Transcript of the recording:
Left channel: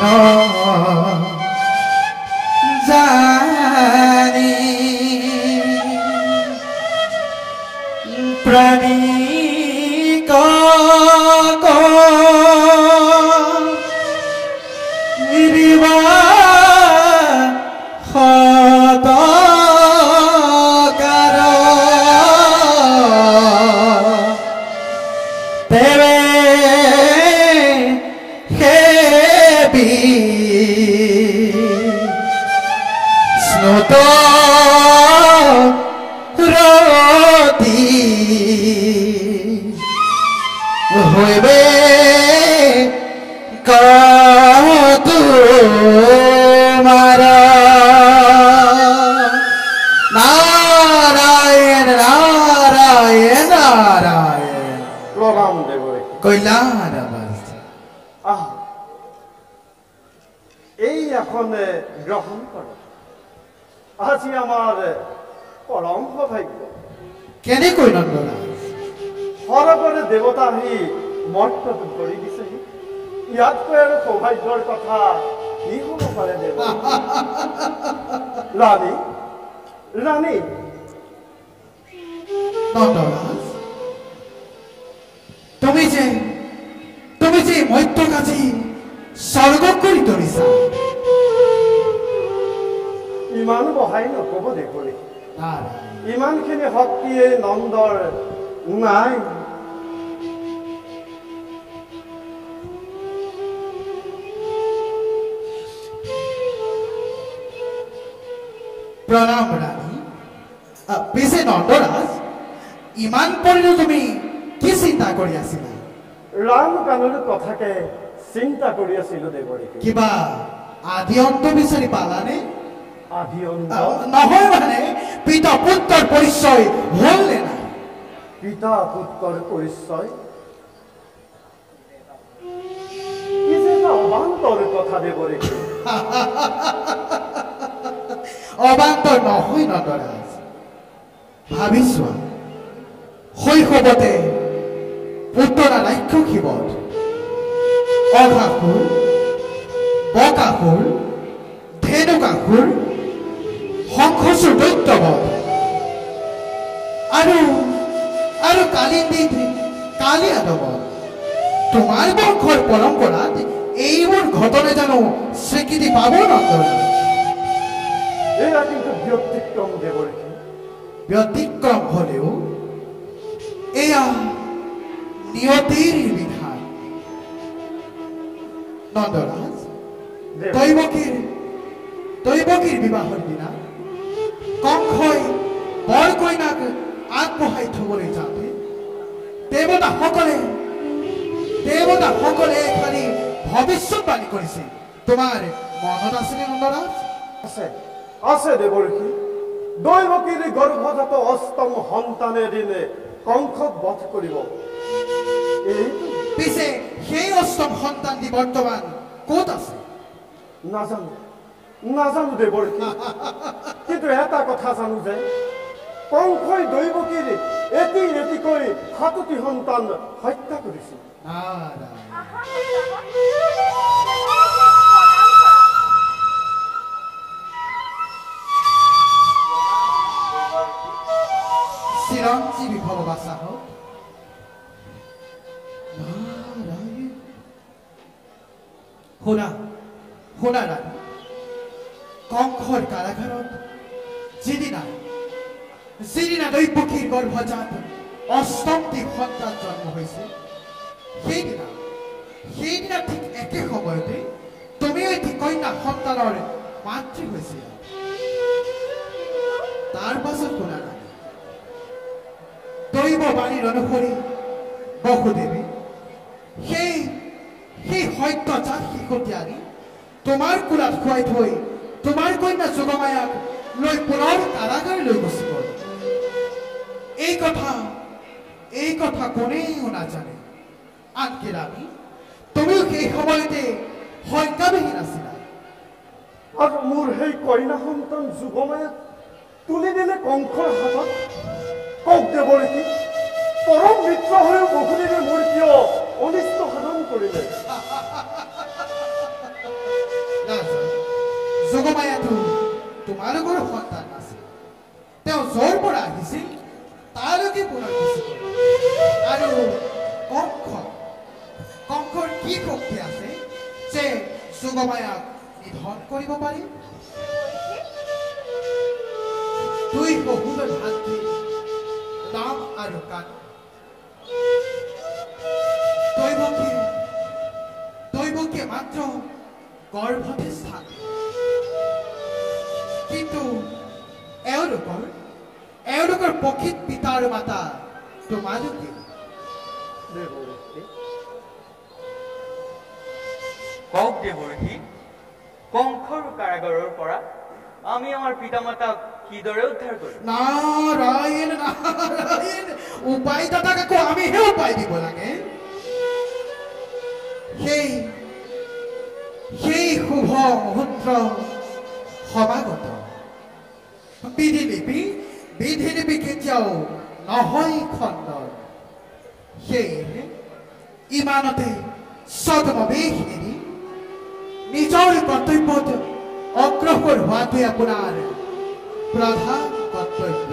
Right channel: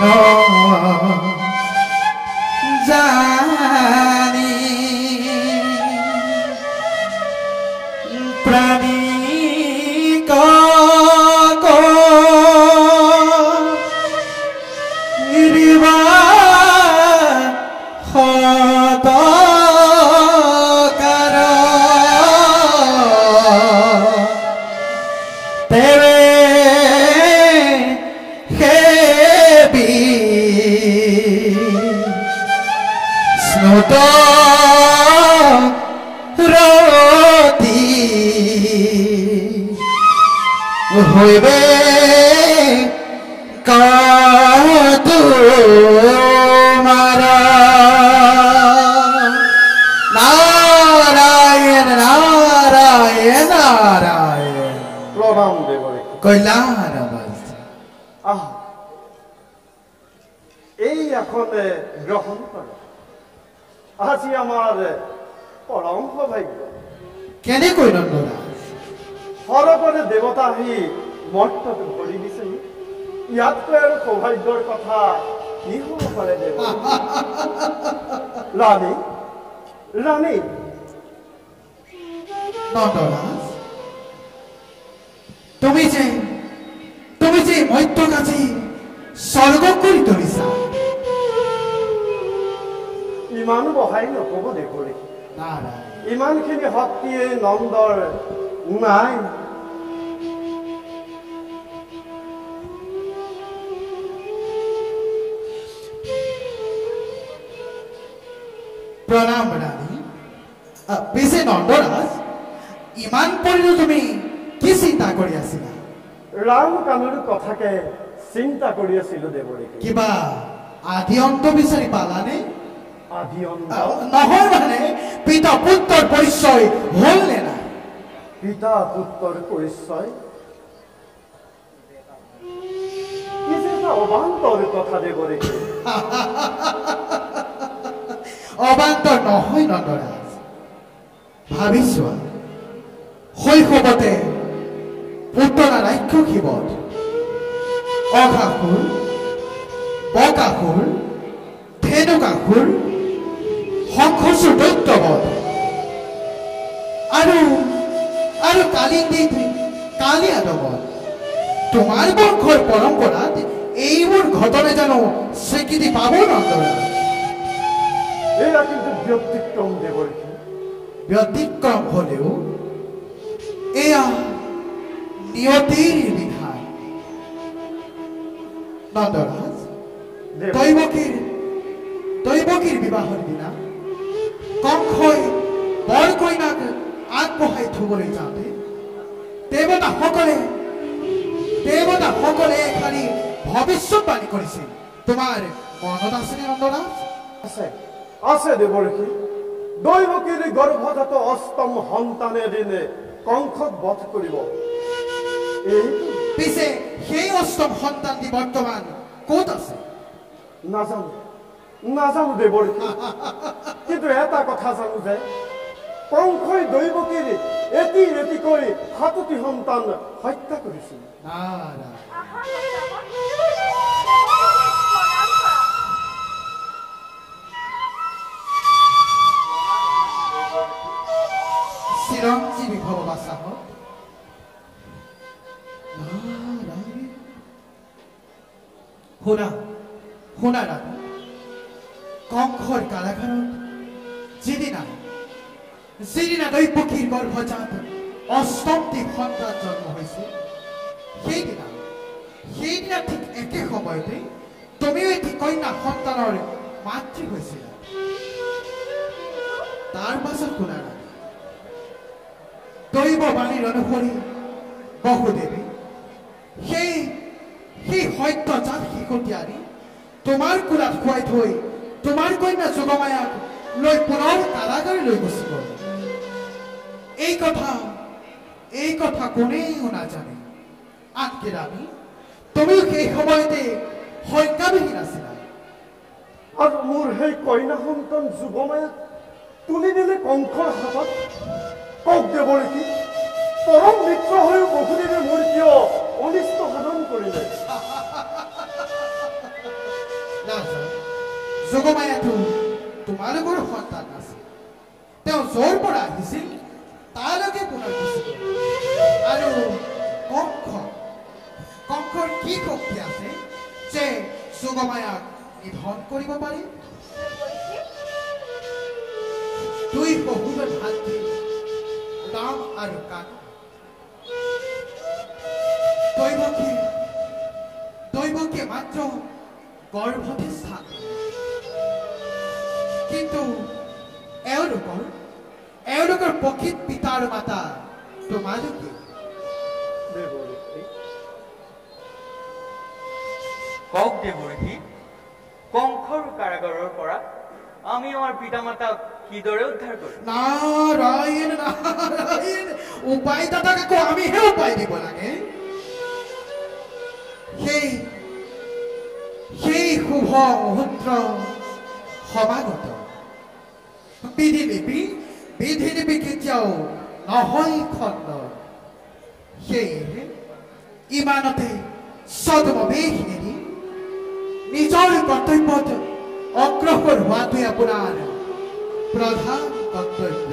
কেন জানি প্রাণী হইবে তোমার নারায়ণ নারায়ণ নারায়ণ প্রণাম দেব রে কল্যাণ আহ এই এখন গ্রহণ কর আজি আমার পরম সৌভাগ্য কেনে কৈ নন্দৰাজ সৰগৰে দেৱতা আহি মৰ্তত ভৰি দিছে ইয়াতকৈ আৰু সৌভাগ্যৰ কথা কি হ'ব পাৰে দেৱ ৰাণী ৰাণী নন্দৰাজ তুমি যে মৈত্ৰক আজি স্বৰ্গ কৰি তুলিছা ইমান বহাই নক'ব দেৱৰী নাৰায়ণ ইমানখিনি শক্তিয়ে নন্দৰ নাই প্ৰণাম ৰাণী পিছে নন্দৰাজ ইমান পৰিলো তুমি কি চিন্তা কৰি আছিলা ৰাম কানুৰ কথাকে চিন্তা কৰি আছিলো দেৱৰী কিবা আদি অন্ত বিচাৰি পালানে আদি অন্ত নহয় মানে পিতা পুত্ৰৰ পৰিচয় হ'ল নে নাই পিতা পুত্ৰৰ পৰিচয় কি যে এটা অবান্তৰ কথা দেৱৰী অবান্তৰ নহয় নন্দৰাজ ভাবিছোৱা শৈশৱতে পুতনা ৰাক্ষসীবধ অঘাসুৰ বকাসুৰ ধেনুকাসুৰ শংখচূড় দৈত্যবধ আৰু কালিয়াদবধ তোমাৰ বংশৰ পৰম্পৰাত এইবোৰ ঘটনা জানো স্বীকৃতি পাব নন্দৰাজ এয়া কিন্তু ব্যতিক্ৰম দেৱৰী ব্যতিক্ৰম হলেও এয়া নিয়তিৰ বিধান নন্দৰাজ দৈৱকীৰ বিবাহৰ দিনা কংসই বৰ কইনাক আগবঢ়াই থবলৈ যাওঁতে দেৱতাসকলে খালি ভৱিষ্যতবাণী কৰিছিল তোমাৰ মনত আছেনে নন্দৰাজ আছে আছে দেৱৰী দৈৱকীৰ গৰ্ভজাত অষ্টম সন্তানে দিনে কংসক বধ কৰিব এইটো পিছে সেই অষ্টম সন্তানটি বৰ্তমান ক'ত আছে নাজানো দেৱৰী কিন্তু এটা কথা জানো যে কংসই দৈৱকীৰ এটিকৈ সাতোটি সন্তান হত্যা কৰিছিল চিৰঞ্জীৱী ভৱবাসা হওক শুনা ৰাণী কংসৰ কাৰাগাৰত যিদিনা দৈৱকীৰ গৰ্ভজাত অষ্টমটি সন্তান জন্ম হৈছে সেইদিনা ঠিক একে সময়তে তুমিও এটি কন্যা সন্তানৰ মাতৃ হৈছিলা তাৰ পাছত শুনা ৰাণী দৈৱবাণীৰ অনুসৰি বহুদেৱে সেই সত্যজাত শিশুটি আনি তোমাৰ কোলাত খুৱাই থৈ তোমাৰ কন্যা যোগমায়াক লৈ পুনৰ কাৰাগাৰলৈ গুচি গ'ল এই কথা কোনেও নাজানে আনকি ৰাণী তুমিও সেই সময়তে সংজ্ঞাবিহীন আছিলা আৰু মোৰ সেই কন্যা সন্তান যোগমায়াক তুলি দিলে কংসৰ হাতত কওক দেৱৰী পৰম মিত্ৰ হৈও বহুদেৱে মোৰ কিয় অনিষ্ট সাধন কৰিলে যোগমায়াটো তোমালোকৰ সন্তান আছিল তেওঁ য'ৰ পৰা আহিছিল তালৈকে পুনৰ গুচি গ'ল আৰু কংসৰ কি শক্তি আছে যে যোগমায়াক নিধন কৰিব পাৰি দুই শহুৰৰ ভাতৃ ৰাম আৰু কানু দৈৱকীয়ে মাত্ৰ গৰ্ভতে স্থান কিন্তু এওঁলোকৰ প্ৰকৃত পিতা আৰু মাতা তোমালোকে কওক দেৱঋষি কংসৰ কাৰাগাৰৰ পৰা আমি আমাৰ পিতা মাতাক কিদৰে উদ্ধাৰ কৰিম নাৰায়ণ উপায় দাতাক আকৌ আমিহে উপায় দিব লাগে সেই শুভ মুহূৰ্ত সমাগত বিধিলিপি কেতিয়াও নহয় খণ্ডন সেয়ে ইমানতে ছদ্মবেশ এৰি নিজৰ কৰ্তব্যত অগ্ৰসৰ হোৱাটোৱে আপোনাৰ প্ৰধান কৰ্তব্য